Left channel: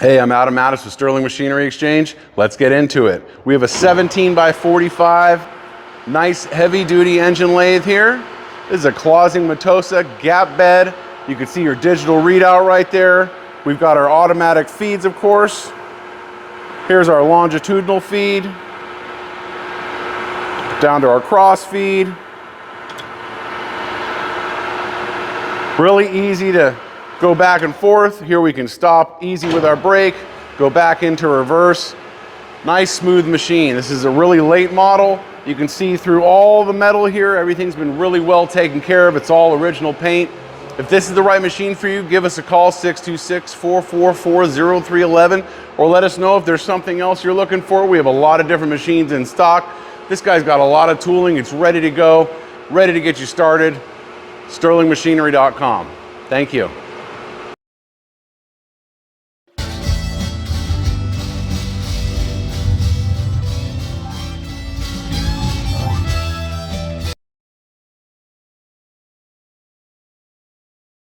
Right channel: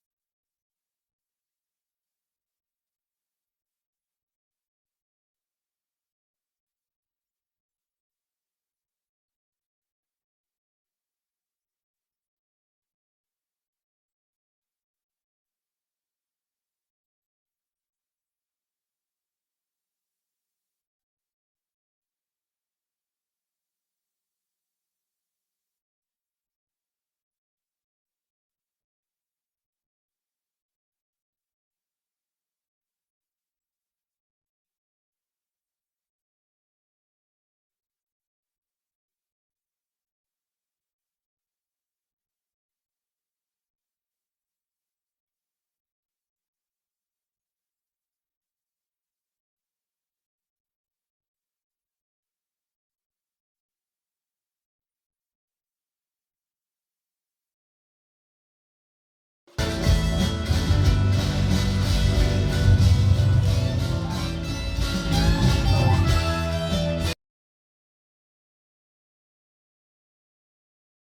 Hey, I'm Adam Mattis with Sterling Machinery Exchange. Let's get into it. We have a 17x45, nice heavy duty engine lathe here. This is a CLAUSIng Metosa gap bed. You can see your digital readout right there. We've got our automatic feeds, of course. Here's our longitudinal feed. Down to our cross feed. Really easy to go back and forth. Here we can stop easy with our brake, go back into reverse. Nice smooth machine. This is a really late model. You can see through all the metal here, everything's been really well taken care of. It's all original paint. If this is the right machine for you, give us a call, 626-444-0311, or let us know if there's something else you're looking for. We have a lot of different machines in stock. This guy's got a lot of tooling. It's ready to go, ready to get you started. SterlingMachinery.com. Thank you.